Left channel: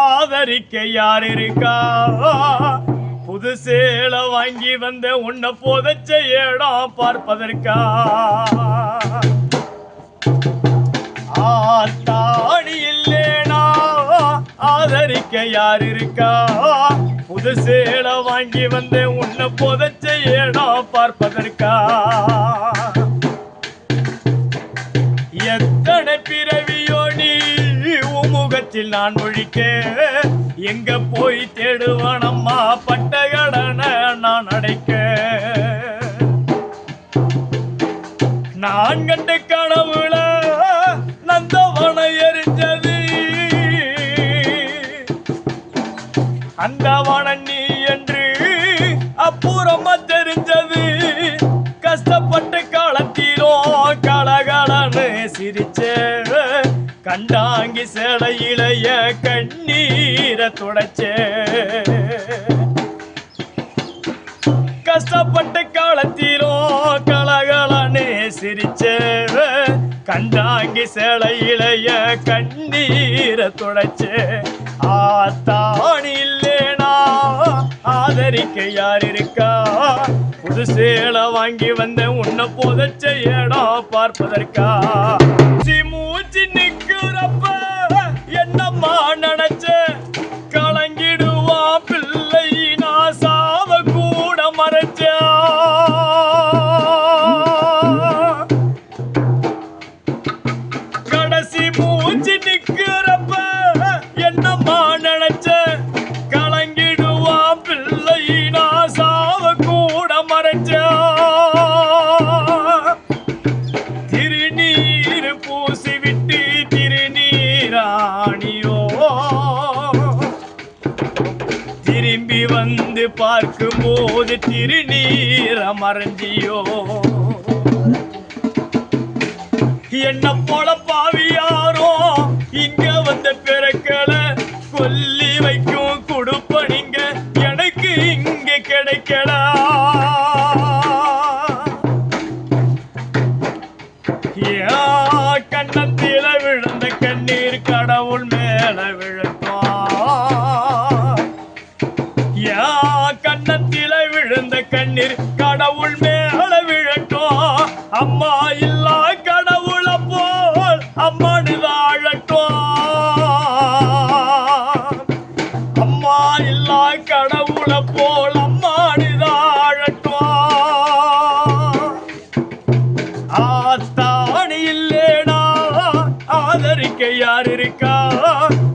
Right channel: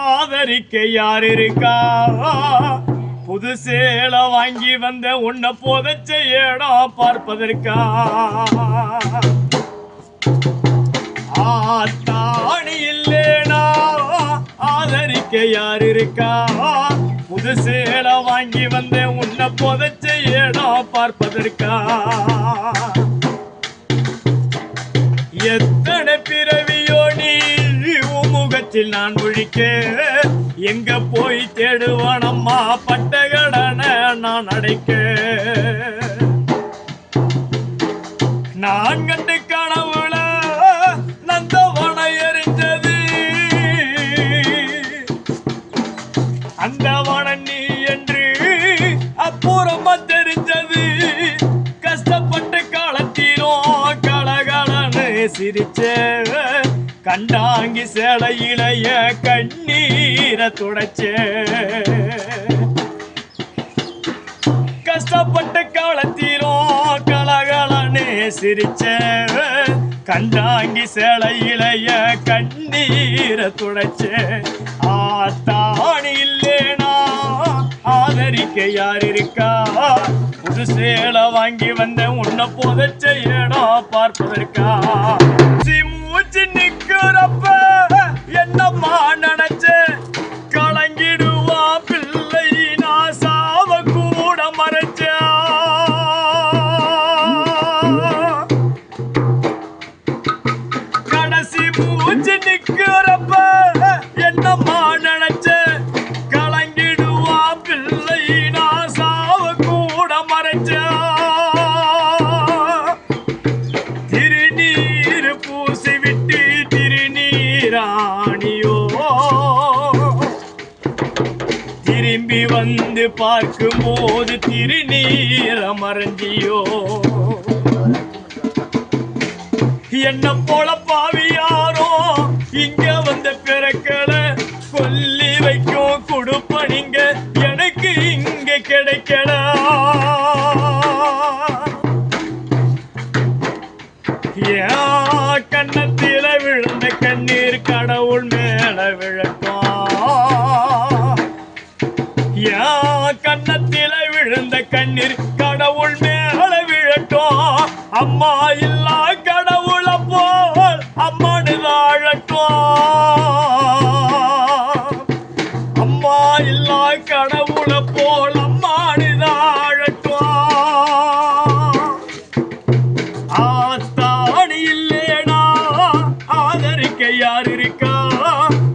ஆதரிக்க யார் இருக்கா? புது சேலை வாங்கி வந்த உன்னை புதைச்ச இடம் பார்ப்பதற்கா? ஆத்தாணி இல்லேனா ஆதரிக்க யார் இருக்கா? புது சேலை வாங்கி வந்த உன்னை புதைச்ச இடம் பார்ப்பதற்கா? எத்தனை பிறவியோ நீ முகத்தில் நான் முழிக்க, எங்க போய் தேடுவானம்மா பட்ட கடனை நான் அடைக்க? நான் கண்டு கனவுல நந்தவனை எரிஞ்சது, அந்த வனம் நீ என்று அப்புறமா தெரிஞ்சது. கஷ்டப்பட்டு காலத்தீரோ கலகலன்னு சிரிச்ச, கண்டாங்கி சேலையிலைய கண்ணீரை துடைச்ச. கஷ்டப்பட்டு காலத்தீரோ கலகலன்னு சிரிச்ச, கண்டாங்கி சேலையிலைய கண்ணீரை துடைச்ச. ஆத்தாணி இல்லேனா ஆதரிக்க யார் இருக்கா? புது சேலை வாங்கி வந்த உன்னை புதைச்ச இடம் பார்ப்பதற்கா? மூச்சு நிக்கிறப்ப என்னம்மா நினைச்ச, கலங்கிடுவான் பிள்ளை நான் சாவ கூட மறைச்ச. கடைசி மூச்சு நிக்கிறப்ப என்னம்மா நினைச்ச, கலங்கிடுவான் பிள்ளை நான் சாவ கூட மறைச்ச. திருநீர் பூசி விட்டு திருநீராணியோ, திரும்பி வந்து பார்க்கும் போது திருநீர மறந்தியோ. என்ன போல பாவியாரோ இங்க வந்த பிறக்கல, கொல்லி வைக்கும் கொடுப்பனிங்க எனக்கு இங்க கிடைக்கல. கண்ணத்தில விழுந்த கண்ணீர் கடவுள் மேல விழட்டும். கண்ணத்தில விழுந்த கண்ணீர் கடவுள் மேல விழட்டும். அம்மா இல்லா கடவுளை போல் அம்மானு வாழட்டும். அம்மா இல்லா கடவுளை போல் அம்மானு வாழட்டும். ஆத்தாணி இல்லேனா ஆதரிக்க யார் இருக்கா?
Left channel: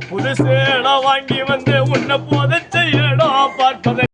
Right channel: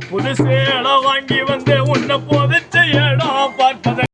புது சேலை வாங்கி வந்து உன்னை புதைச்ச இடம் பார்ப்பதற்கு